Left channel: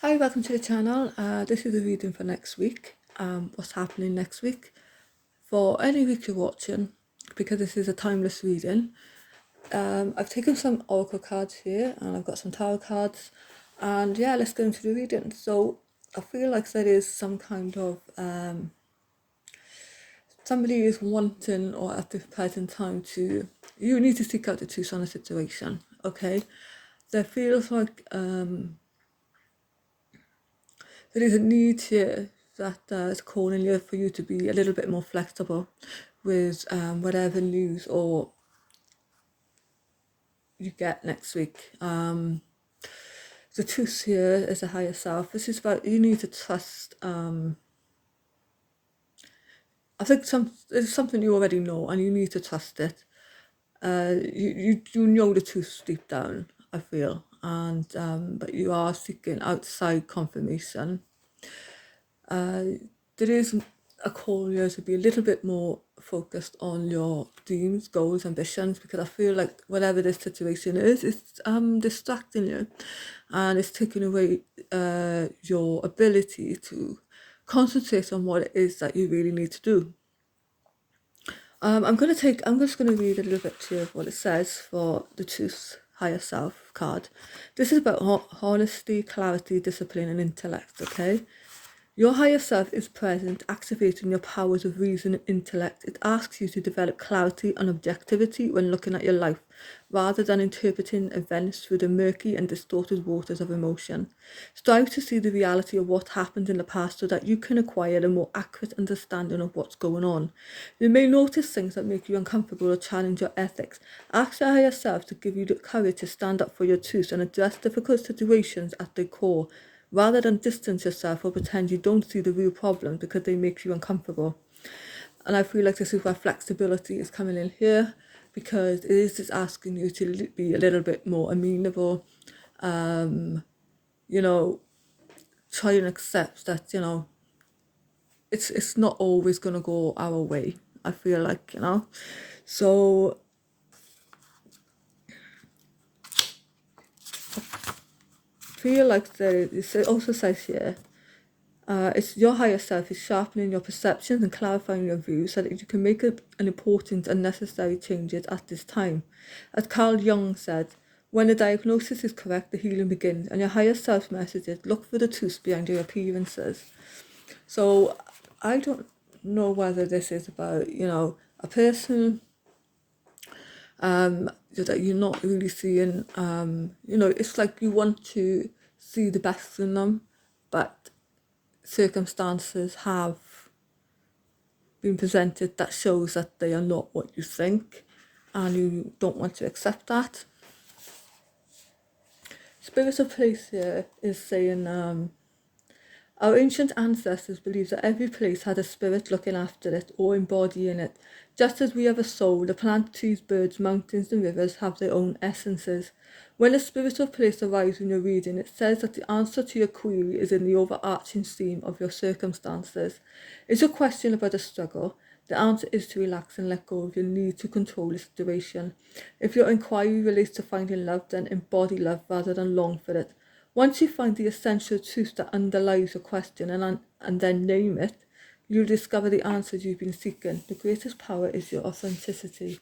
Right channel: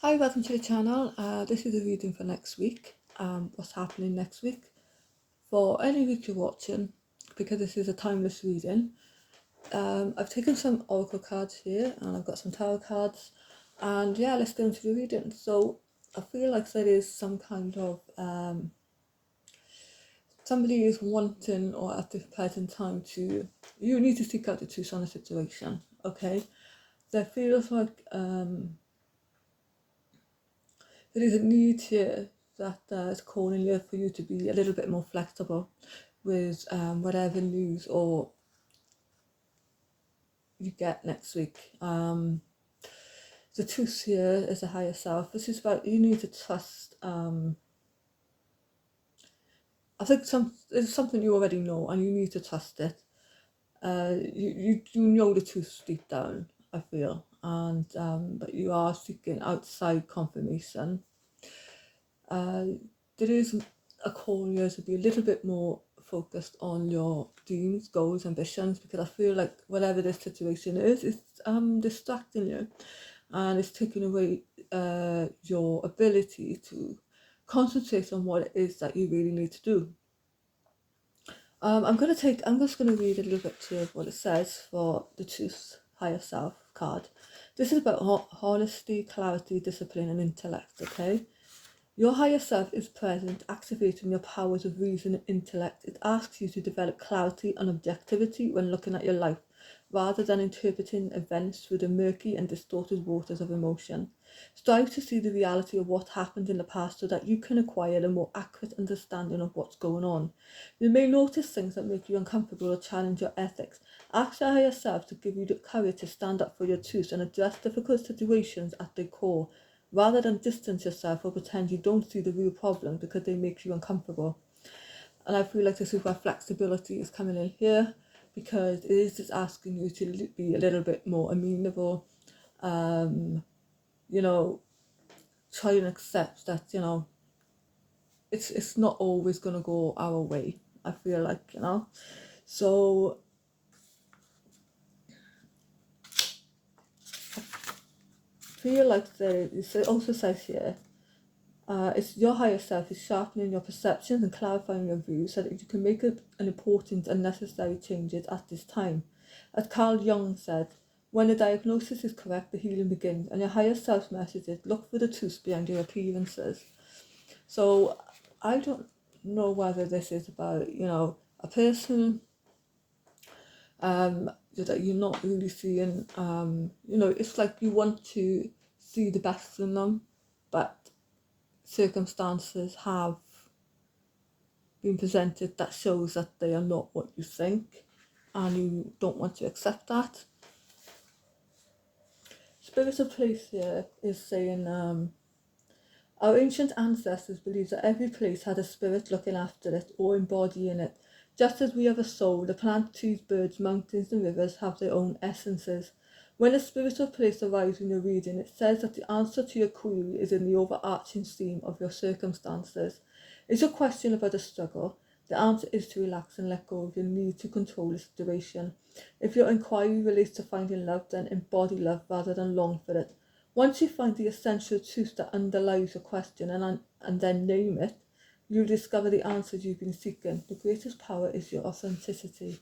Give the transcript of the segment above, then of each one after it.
Hi, welcome to the channel. This is the reading for next week. What's happening next week? For any week you're watching, because this is a timeless reading, I've taken some oracle cards here and I've got some tarot cards. And yeah, let's go into the reading. So I feel like there is some kind of somebody is wanting, or at the present time, you need to seek out the truth on a situation. Okay, there feels like there is a need here that is calling you for you to be a little bit more flexible with whatever news or you get next week. The truth here is a higher self. This is about you need to trust. I think it's something you already know, and you need to trust it. You know the truth deep down, I feel, and but you are seeking outside confirmation. There is a call here to be a little bit more focused on your dreams, goals, ambitions, because I feel like whatever this situation is, it's distracting you, and it's taking away your ability to concentrate on what it is that you really need to do. I'm just gonna read a little bit to you of what it says for the Truth Higher Self card. This is about honesty, clarity, discipline, and intellect. Okay. Your higher self is present, activating your powers of reason and intellect. It asks you to develop clarity and objectivity when looking at your life, rather than interpreting events through the murky and distorted waters of emotion. Strive to see the reality of what happened in the past so that you can acquire a more accurate understanding of what's going on. You may notice things that make you uncomfortable or challenge your ethics. Ask your higher self to give you the courage to stand up for your truth and address difficult situations at their core, rather than distance yourself or pretend you don't see the real problem because they make you uncomfortable. And I feel like this is where flexibility is coming in here, because it is just asking you to be a little bit more amenable, you know, try and accept that, it's not always going to go our way, I feel like, So feel like it also says here, it's your higher self is sharpening your perceptions and clarifying your views so that you can make an important and necessary changes at this time. As Carl Jung said, when the diagnosis is correct, the healing begins, and your higher self messages look for the truth behind your appearances. So I don't know whether this is about, a person that you're not really seeing, it's like you want to see the best in them, but circumstances have been presented that shows that they are not what you think, and you don't want to accept that. Spirit of Place here is saying, our ancient ancestors believed that every place had a spirit looking after it or embodying it. Just as we have a soul, the plant, trees, birds, mountains, and rivers have their own essences. When a spirit of place arrives in your reading, it says that the answer to your query is in the overarching theme of your circumstances. It's a question about a struggle. The answer is to relax and let go of your need to control the situation. If your inquiry relates to finding love, then embody love rather than long for it. Once you find the essential truth that underlies your question and then name it, you'll discover the answers you've been seeking. The greatest power is your authenticity.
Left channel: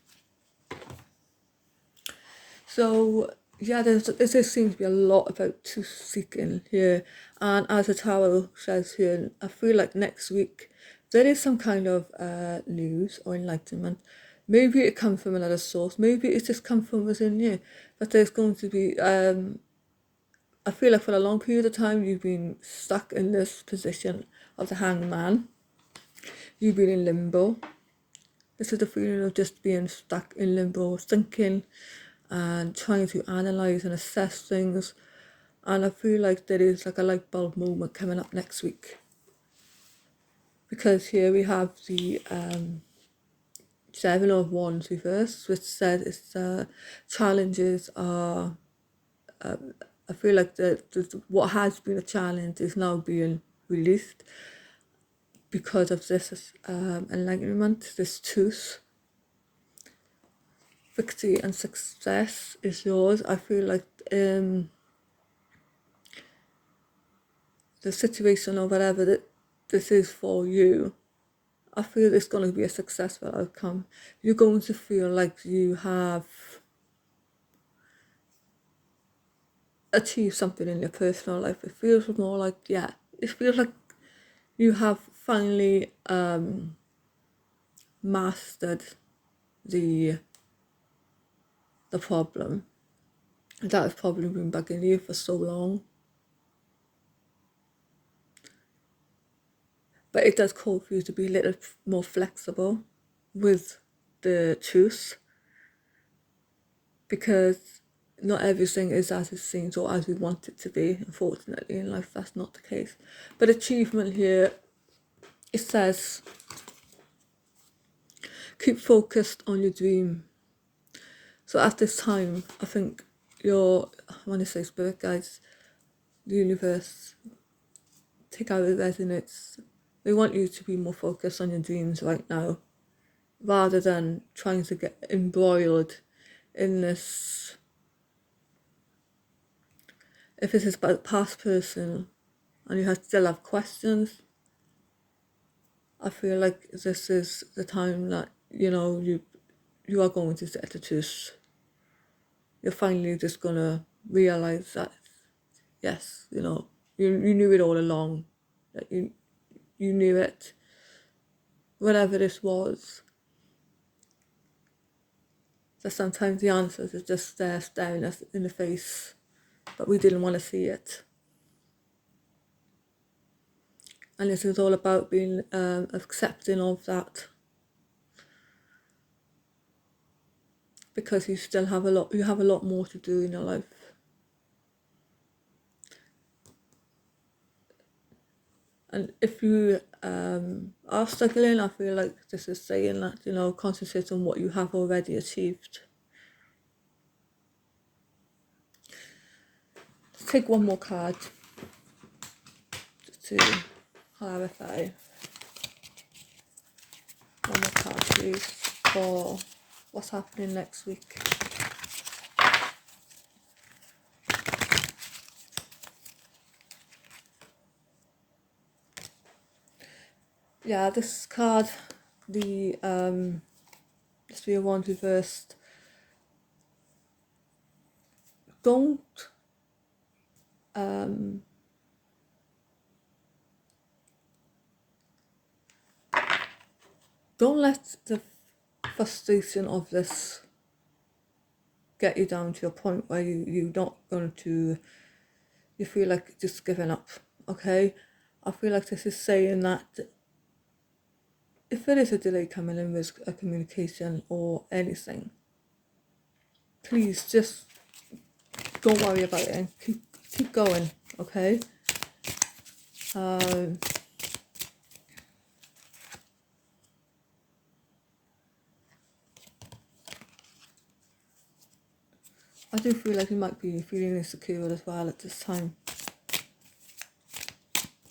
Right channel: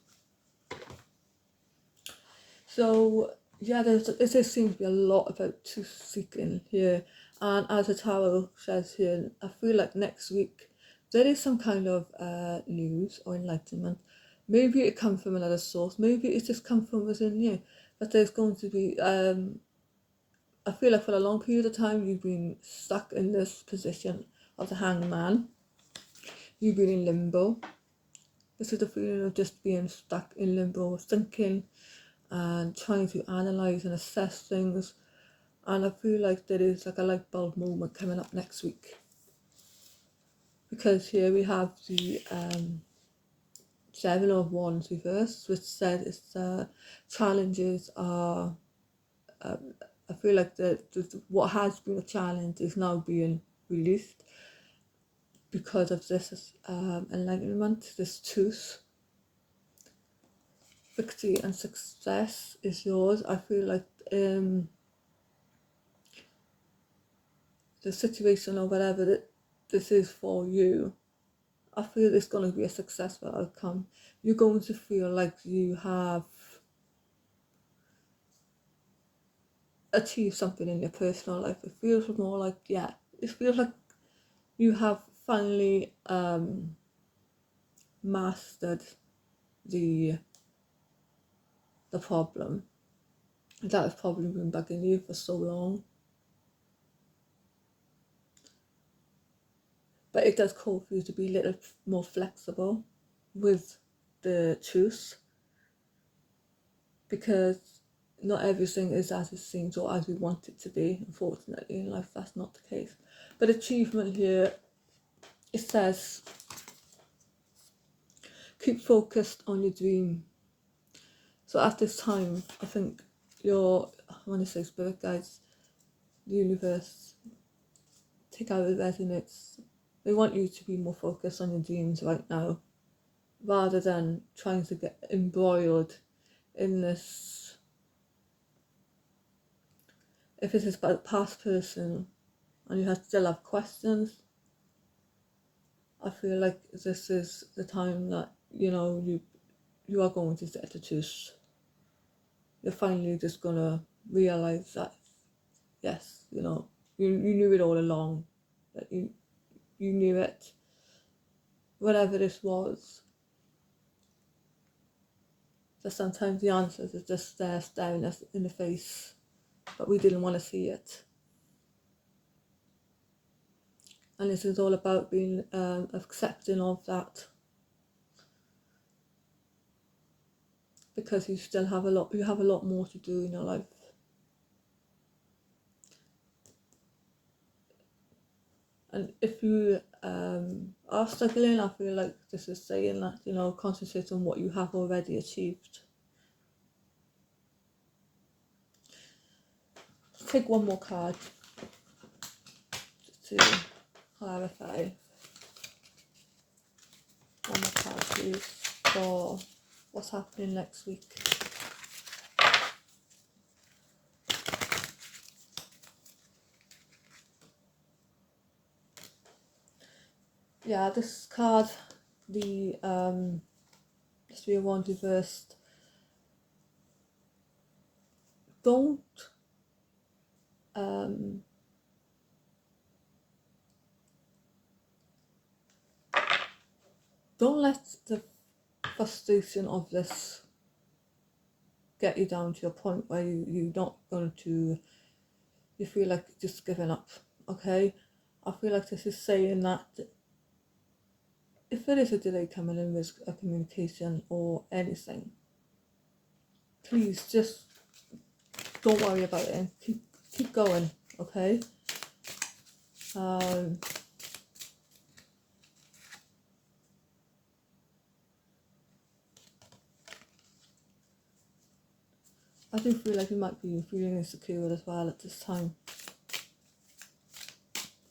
So, yeah, there seems to be a lot about truth seeking here. And as the tarot says here, I feel like next week there is some kind of news or enlightenment. Maybe it comes from another source. Maybe it's just come from within you. But there's going to be I feel like for a long period of time you've been stuck in this position of the hanged man. You've been in limbo. This is the feeling of just being stuck in limbo, thinking and trying to analyze and assess things. And I feel like there is like a light bulb moment coming up next week. Because here we have the Seven of Wands reversed, which said it's challenges are I feel like what has been a challenge is now being released because of this enlightenment, this truth. Victory and success is yours. I feel like the situation or whatever that this is for you, I feel it's going to be a successful outcome. You're going to feel like you have achieved something in your personal life. It feels more like, yeah, it feels like you have finally mastered the problem that has probably been bugging you for so long. But it does call for you to be a little more flexible with the truth, because not everything is as it seems or as we want it to be. Unfortunately, in life, that's not the case. But achievement here, it says, keep focused on your dream. So at this time, I think when I say spirit guides, the universe, take out the resonates. They want you to be more focused on your dreams right now, rather than trying to get embroiled in this. If it is about a past person and you still have questions, I feel like this is the time that, you are going to set the truth. You're finally just going to realise that, yes, you knew it all along, that you knew it, whatever this was. So sometimes the answers are just there staring us in the face, but we didn't want to see it. And this is all about being accepting of that, because you have a lot more to do in your life. And if you are struggling, I feel like this is saying that, concentrate on what you have already achieved. Let's take one more card to clarify. One more card, please, for what's happening next week. Yeah, this card, the Three of Wands reversed. Don't let the frustration of this get you down to a point where you're not going to, you feel like just giving up, okay? I feel like this is saying that if there is a delay coming in with a communication or anything, please just don't worry about it and keep going, okay? I do feel like you might be feeling insecure as well at this time.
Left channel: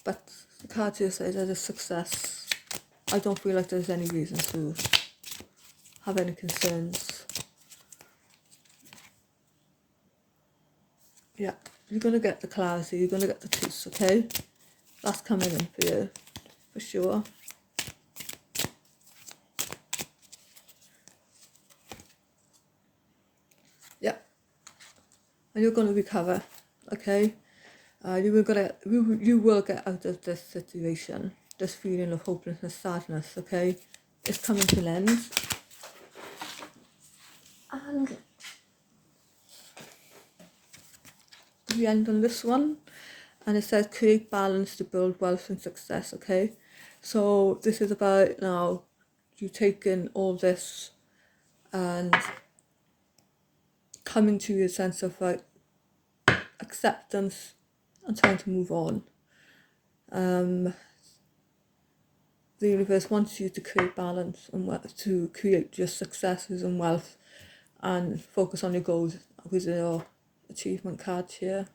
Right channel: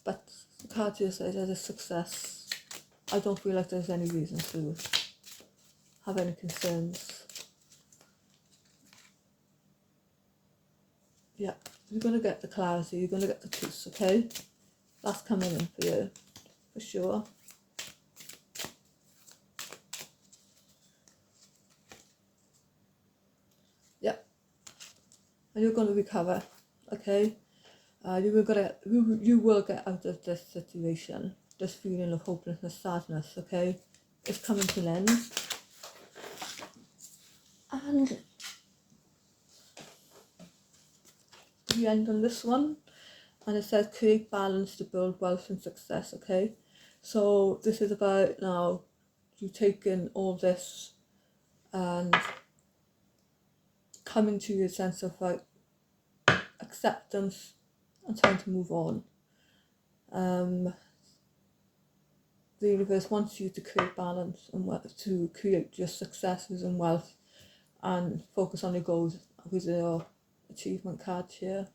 But the card here says there's a success. I don't feel like there's any reason to have any concerns. Yeah, you're going to get the clarity, you're going to get the truth, okay? That's coming in for you, for sure. Yeah, and you're going to recover, okay? You will get out of this situation, this feeling of hopelessness, sadness, okay? It's coming to an end. And we end on this one, and it says create balance to build wealth and success, okay? So this is about now you taking all this and coming to a sense of like acceptance and trying to move on. The universe wants you to create balance and to create your successes and wealth and focus on your goals with your achievement cards here.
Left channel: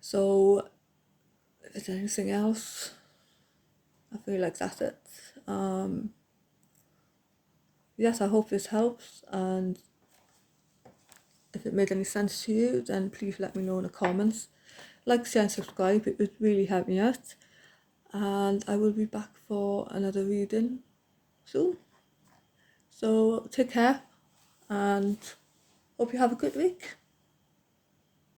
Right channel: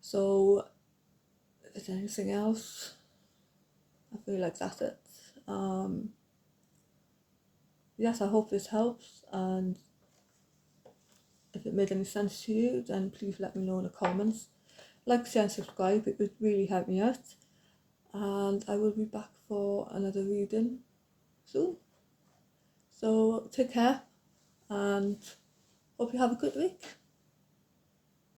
So, is there anything else? I feel like that's it. Yes, I hope this helps, and if if it made any sense to you, then please let me know in the comments. Like, share and subscribe, it would really help me out. And I will be back for another reading soon. So take care and hope you have a good week.